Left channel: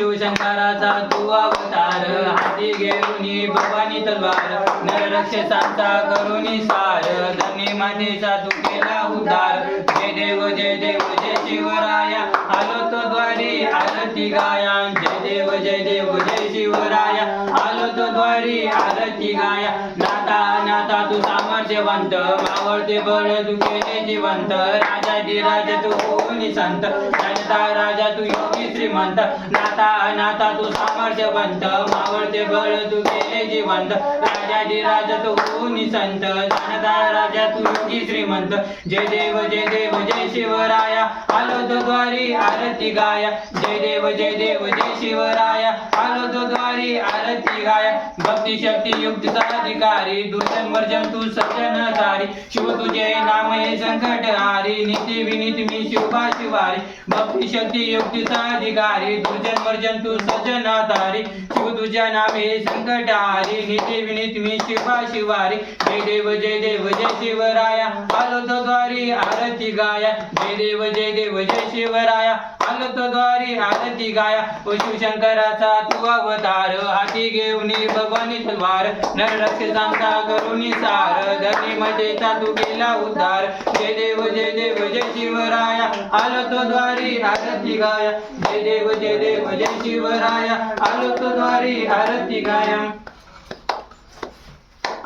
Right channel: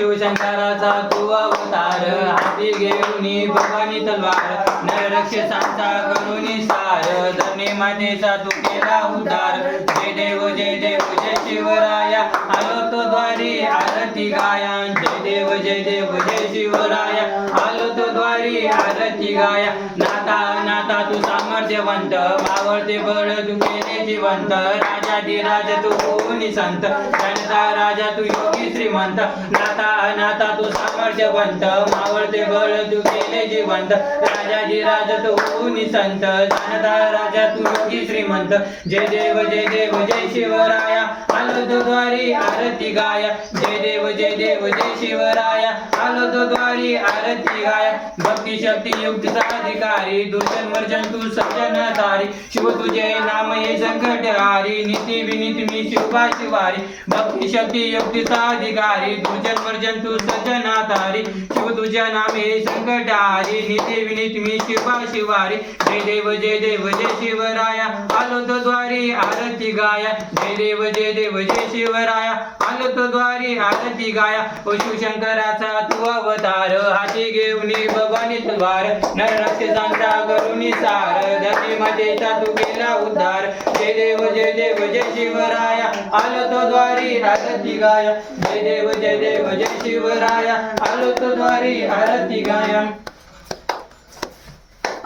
शिवशंकराचा तू अवतार, हाती घेऊनी भवानी तलवार, नररक्षसांचा करुणी सार, धरणी मातेचा तू केला उद्धार. जय देव जय देव जय शिवराया, आलो तो द्वारी आरती गाया. जय देव जय शिवराया, आलो तो द्वारी आरती गाया. नाथा नाथा तू सामर्थ्यवंत, मावळते बळ तू केले जिवंत. राजाधिराज तू कोणी संत, जनता राजा तू योगी श्रीमंत. नाथा नाथा तू सामर्थ्यवंत, मावळते बळ तू केले जिवंत. राजाधिराज तू कोणी संत, जनता राजा तू योगी श्रीमंत. जय देव जय शिवराया, आलो तो द्वारी आरती गाया. जय देव जय शिवराया, आलो तो द्वारी आरती गाया. भक्ती शक्ती युक्तीचा अधिकारी, दुर्जन वर्जन तू सज्जनधारी. शिव तुझे नाम ये संकटहारी, नीती विनीती मी शिवबा शिवारी. भक्ती शक्ती युक्तीचा अधिकारी, दुर्जन वर्जन तू सज्जनधारी. शिव तुझे नाम ये संकटहारी, नीती विनीती मी शिवबा शिवारी. जय देव जय शिवराया, आलो तो द्वारी आरती गाया. जय देव जय शिवराया, आलो तो द्वारी आरती गाया. शिवशंकराचा तू अवतार, हाती घेऊनी भवानी तलवार, नररक्षसांचा करुणी सार, धरणी मातेचा तू केला उद्धार. जय देव जय शिवराया, आलो तो द्वारी आरती गाया. जय देव जय शिवराया, आलो तो द्वारी आरती गाया.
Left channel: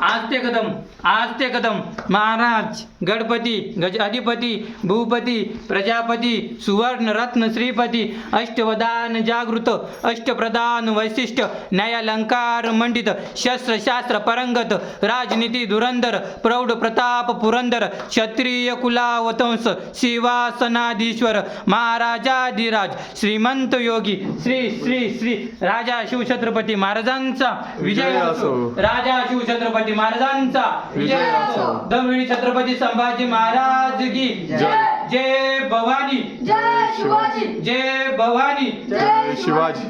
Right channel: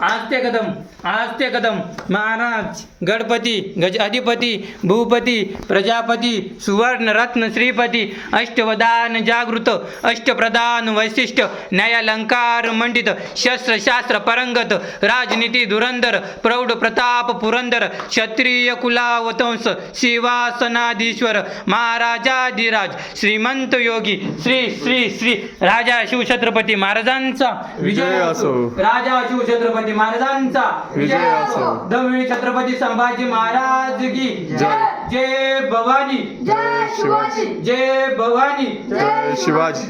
आस्ते कदम महाराज गणपती अधिपती भूपती प्रजापती सुवर्ण रत्न श्रीपती अष्टवदान जागृत अष्टप्रधान वैशिष्ट न्यायालंकार मंडित शस्त्र शास्त्र परंगत राजनीती धुरंधर प्रौढ प्रताप पुरंदर क्षत्रिय कुलावतंस शिवासनाधीश्वर महाराजाधिराज श्रीमंत योगी श्री श्री श्री राजा शिवछत्रपती महाराजांचा विजय असो. राजा शिवछत्रपती महाराजांचा विजय असो. दमवी छत्रपती संभाजी महाराज की जय. जय भवानी जय शिवाजी. जय भवानी जय शिवाजी.